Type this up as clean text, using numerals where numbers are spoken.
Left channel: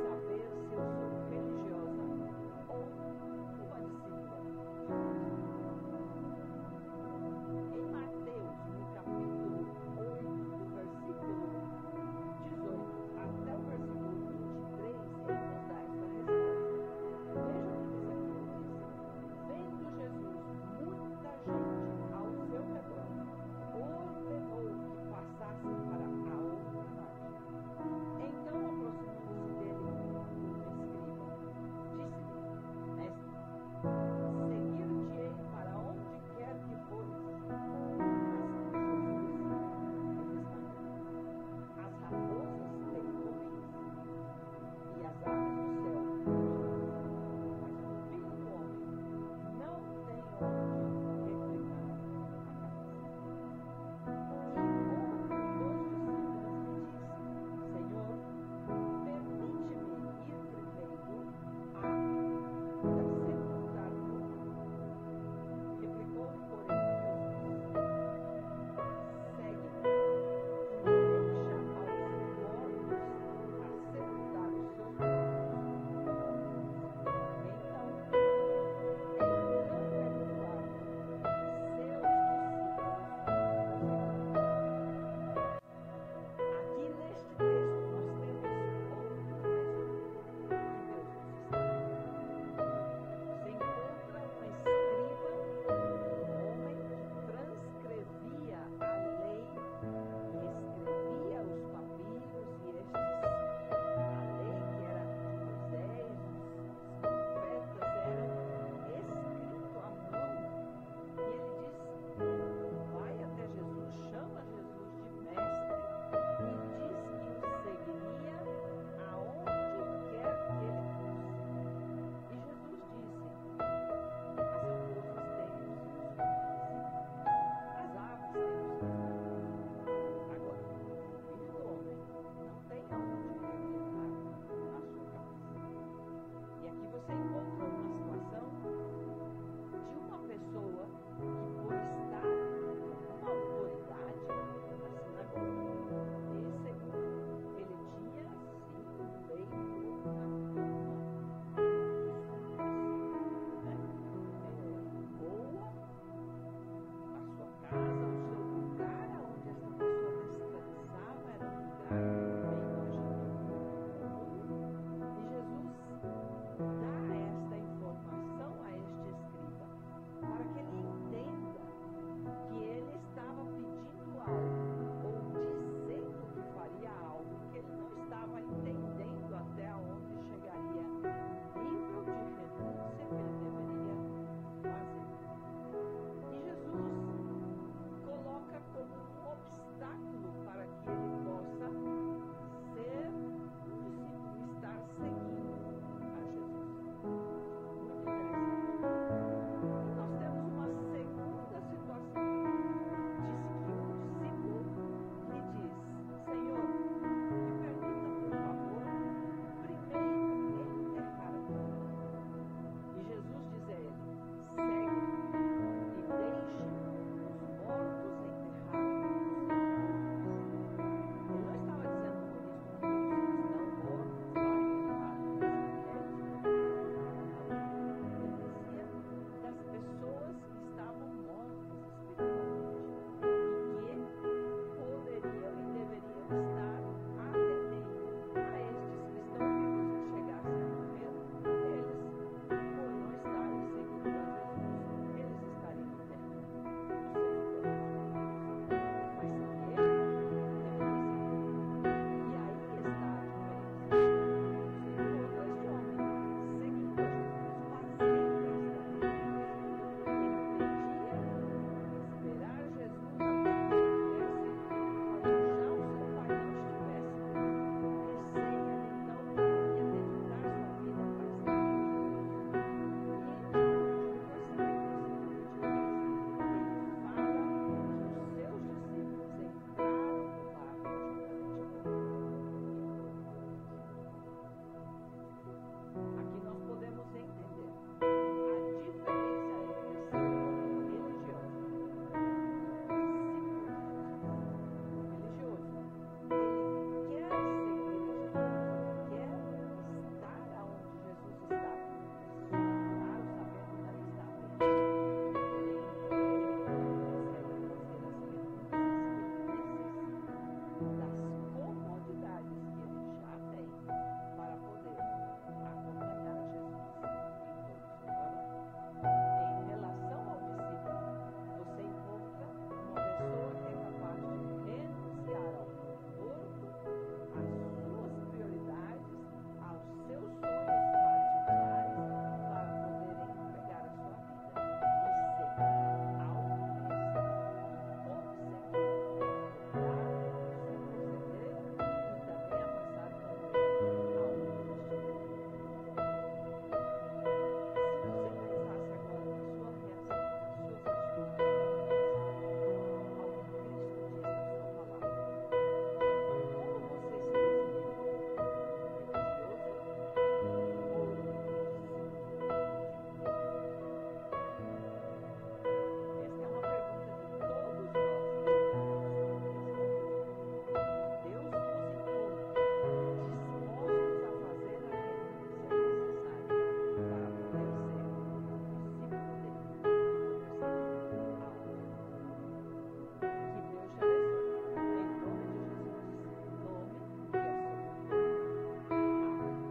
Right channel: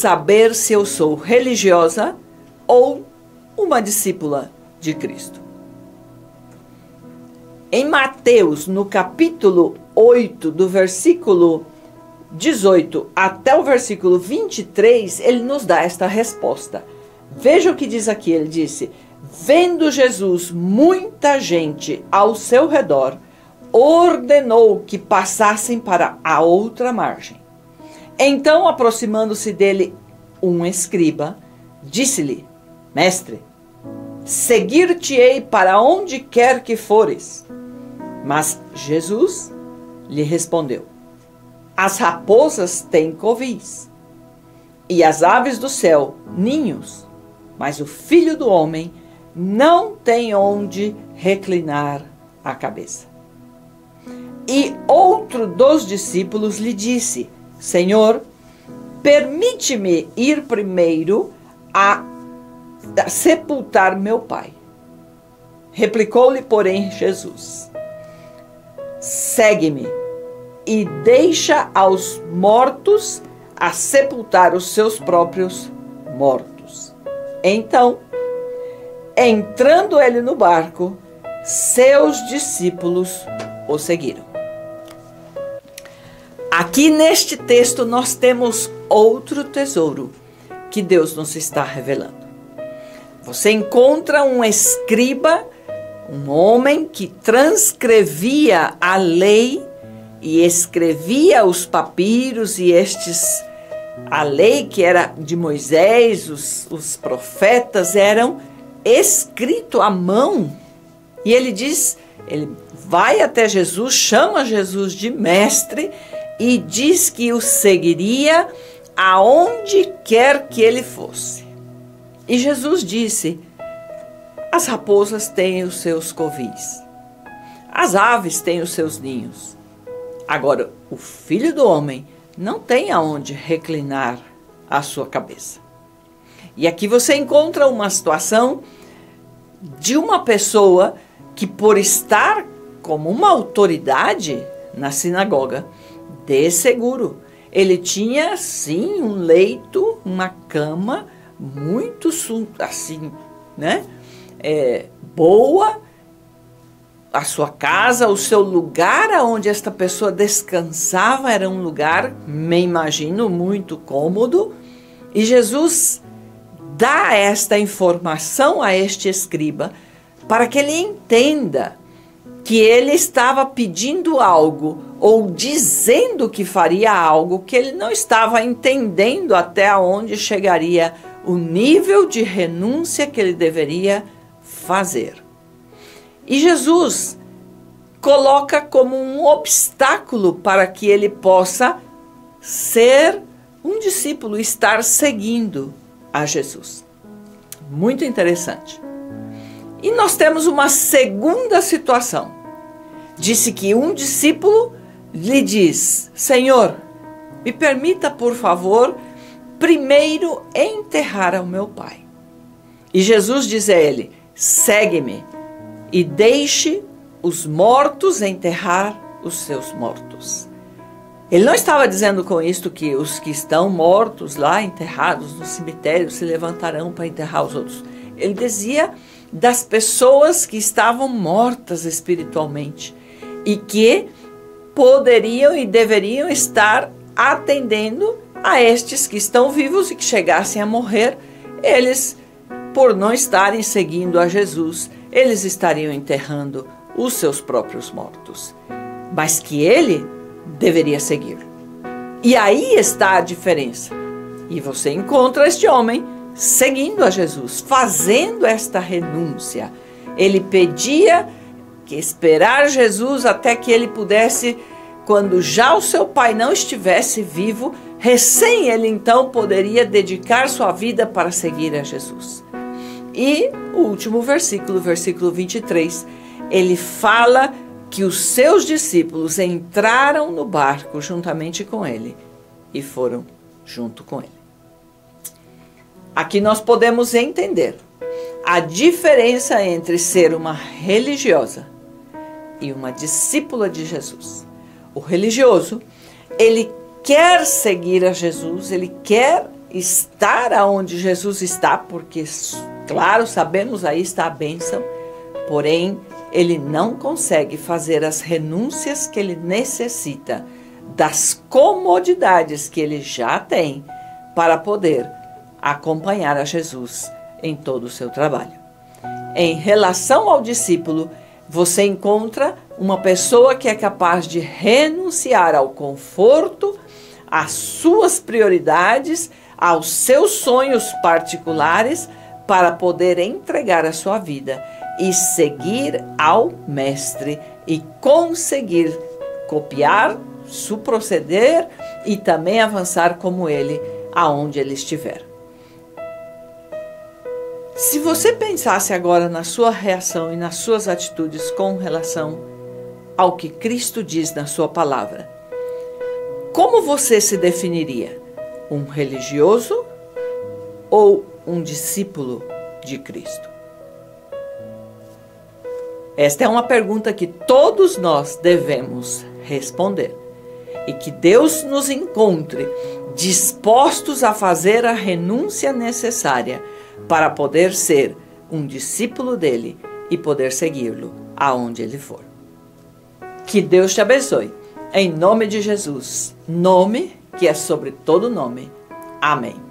saber se eu sou religiosa ou uma discípula de Cristo. Em Mateus, no capítulo 8, do versículo 18 até o versículo 23, ele nos dá esta resposta. Veja o que diz aqui, ele disse: vendo Jesus muita gente ao seu redor, ordenou que passassem para a outra margem. Então, aproximando-se dele um escriba, disse-lhe: Mestre, seguir-te-ei para onde quer que fores. Mas Jesus lhe respondeu: as raposas têm covis, e as aves do céu ninhos, mas o Filho do Homem não tem onde reclinar a cabeça. E outro dos discípulos lhe disse: Senhor, permite-me ir primeiro a sepultar meu pai. Replicou-lhe, porém, Jesus: segue-me e deixa aos mortos a sepultar os seus próprios mortos. Então, entrando ele no barco, seus discípulos o seguiram. Aqui neste texto nós temos outro tesouro que Deus nos está revelando. Você encontra um escriba, um homem que transcrevia a lei e escrevia os papiros e a lei que era de Moisés, os profetas eram escrito à mão. E ele vai até Jesus, chama Jesus de mestre e diz que o seguiria aonde quer que ele fosse. E Jesus disse: as raposas têm os seus covis, as aves têm os seus ninhos. Agora, o Filho do Homem não tem aonde reclinar a sua cabeça. E aqui você encontra uma situação de uma pessoa que, por estar como uma autoridade na sinagoga, de seguro, ele tinha, sim, um leito, uma cama muito, assim, né? Boa, a sua casa, o seu lugar onde esta pessoa descansava era um lugar, me imagino, muito cômodo. E Jesus dá esta informação a este escriba para que ele entenda que ele estava pedindo algo ou dizendo que faria algo que ele não estava entendendo até onde chegaria o nível de renúncia que ele deveria fazer. E Jesus coloca como um obstáculo para que ele possa ser um discípulo, estar seguindo a Jesus. Muito interessante. E nós temos uma segunda situação. Disse que um discípulo lhe diz: Senhor, me permita, por favor, primeiro enterrar o meu pai. E Jesus diz a ele: segue-me e deixe os mortos enterrar os seus mortos. Ele não estava dizendo com isto que os que estão mortos lá, enterrados no cemitério, se levantarão para enterrar os outros. Ele dizia das pessoas que estavam mortas espiritualmente e que poderiam e deveriam estar atendendo a estes que estão vivos e que chegassem a morrer. Eles, por não estarem seguindo a Jesus, eles estariam enterrando os seus próprios mortos, mas que ele deveria seguir. E aí está a diferença. E você encontra este homem seguindo a Jesus, fazendo esta renúncia. Ele pedia que esperar Jesus até que ele pudesse, quando já o seu pai não estivesse vivo, recém ele então poderia dedicar sua vida para seguir a Jesus. E o último versículo, versículo 23, ele fala que os seus discípulos entraram no barco juntamente com ele e foram junto com ele. Aqui nós podemos entender a diferença entre ser uma religiosa e uma discípula de Jesus. O religioso, ele quer seguir a Jesus, ele quer estar aonde Jesus está, porque, claro, sabemos aí está a bênção, porém, ele não consegue fazer as renúncias que ele necessita das comodidades que ele já tem para poder acompanhar a Jesus em todo o seu trabalho. Em relação ao discípulo, você encontra uma pessoa que é capaz de renunciar ao conforto, às suas prioridades, aos seus sonhos particulares, para poder entregar a sua vida e seguir ao Mestre e conseguir copiar seu proceder e também avançar como ele, aonde ele estiver. Se você pensasse agora na sua reação e nas suas atitudes com relação ao que Cristo diz na sua palavra, como você se definiria? Um religioso ou um discípulo de Cristo? Esta é uma pergunta que todos nós devemos responder. E que Deus nos encontre dispostos a fazer a renúncia necessária para poder ser um discípulo dele e poder segui-lo aonde ele for. Que Deus te abençoe. Em nome de Jesus, nome que é sobre todo nome. Amém.